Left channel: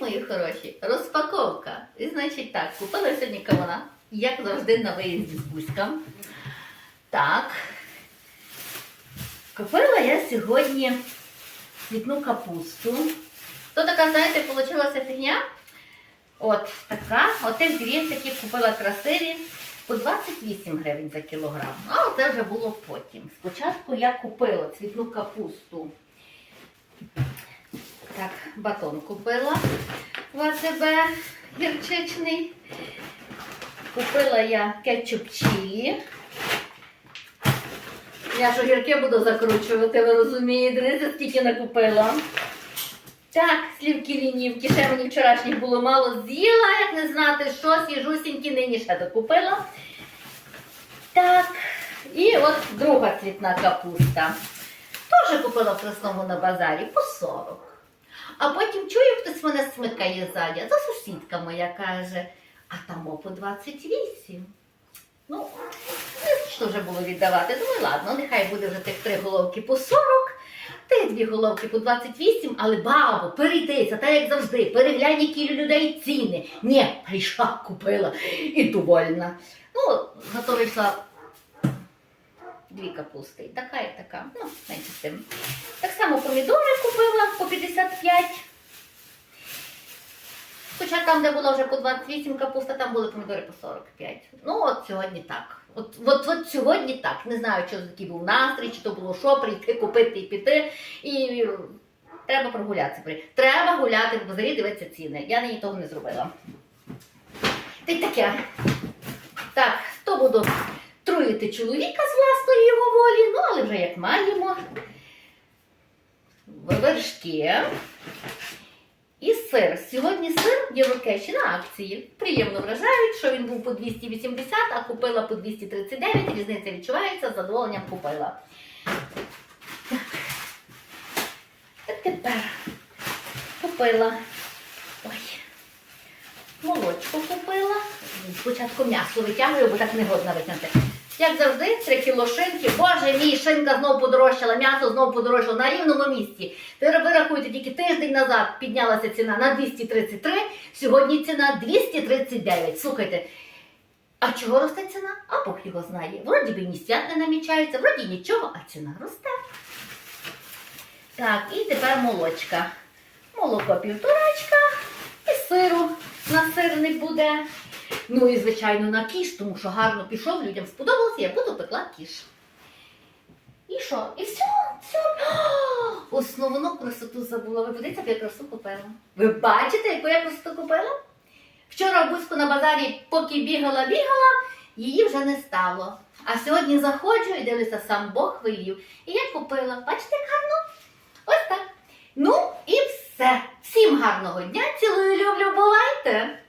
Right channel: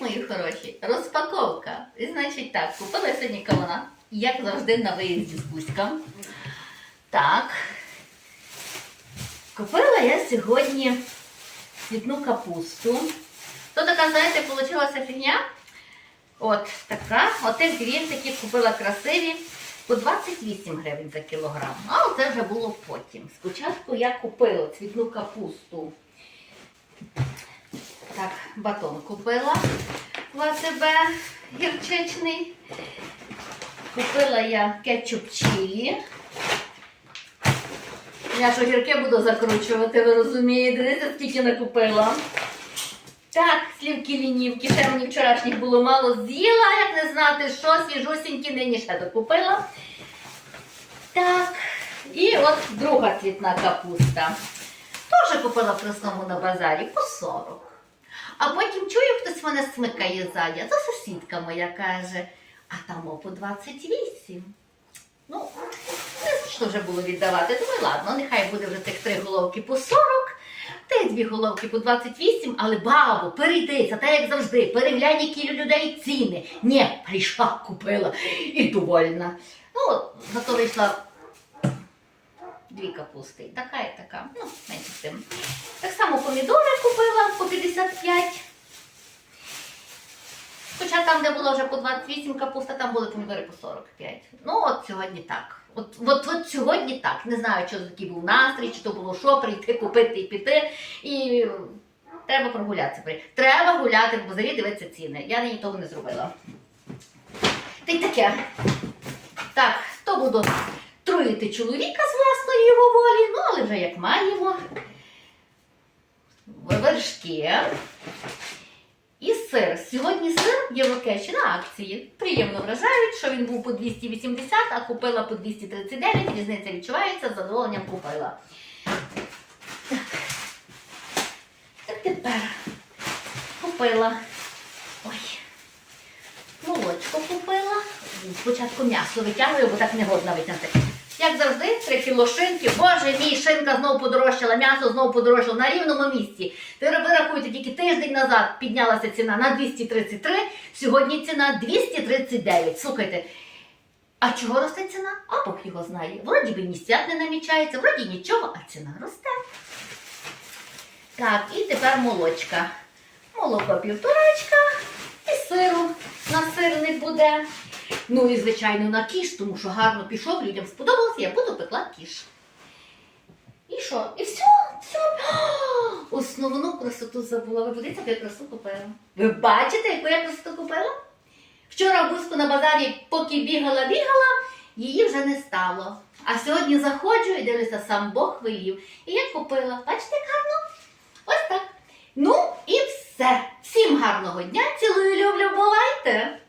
Мої хороші! Розпаковка. І значить так, купила сьогодні кавуна, як завжди на виїзді з Бузьком. Так. Купила я сьогодні цвітну капусту. То така, знаєте, вийшла фігня. От така. Отих грінциків купила красиві по 28 гривень за кілограм. А це вже було потім. Спочатку я купила цвітну капусту. Так, батон купила в АТБ гірчичний. Купила я кетчуп чилі. Я ж огірки буду закручувати, ви розумієте, дивіться, скільки накупила. Так, слівки лінівки, ще мені вчорашніх було мало з'їла, як не знати, що свіжусінькі нині ще докупила. Так, і от друга цвітна капуста. Теж купила в красному на базарі по 40. А потім чую, хтось мене смикає ззаді. Це сусідка моя каже, а там по 28. Ну, не що вже було віддавати. Думаю, ладно, нехай буде вже тих три головки по 40, тих дві головки по 28, але бабо, перейди, це так як завжди, переглянь, які людей ціни. Ні, прийшла, купила і довольна. Ну, зато вийшла дві капусти. Така і така. Ну, менше з тим. Само помідори купила по 55. Хоча там, де було вже по 28 капуста, там були помідори по 45. Ну, от сьогодні так. От, от, от сьогодні так. Не знаю, чи такий був настрій, чи то було що, прийти, купити і піти. І треба прогулятися. Треба гуляти в базарі, дивитися ціни. Я нині того не зробила. Та й таке. Так, то буду труїти чоловіка з власної його волі, ну але вже як маємо. Вершки. І сир. Сьогодні сир в Єврокеші на акції. Приємно вражають, що він був по 280, а купила по 239. Різниця відчувається, з задоволенням купила. Так тепер купила. Ой. Молочко купила. Спочатку м'ясо витягую, бо так не годно витягнути. Як завжди, 3 кіло шинки. Боже мій, шинка знову подорожчала, м'ясо знову подорожчало на рівному місці. Ви рахуєте, тільки тиждень назад піднялася ціна на 233, сьогодні ціна 239. Слухайте, а чого росте ціна? А Бог його знає. Вроді би ні свят не намічається, вроді нічого, а ціна росте. Так, і тепер молочка. Молоко півторачка і сиру. На сир не буде. Ну і, звичайно, на кіш, тому що гарно пішов, людям сподобалося, я буду пекла кіш. І що? І все, все. Основну красоту забула. Ви подивіться, яку я красу купила. Ви бачите, яку я красоту купила? Вчора в на базарі, поки бігала, бігала, її вже не стало. А сьогодні заходжу і дивлюся, сам Бог велів. І я купила. Бачите, як гарно? Ось так. Ну і все. Всім гарного дня. Цілую, люблю, бувайте!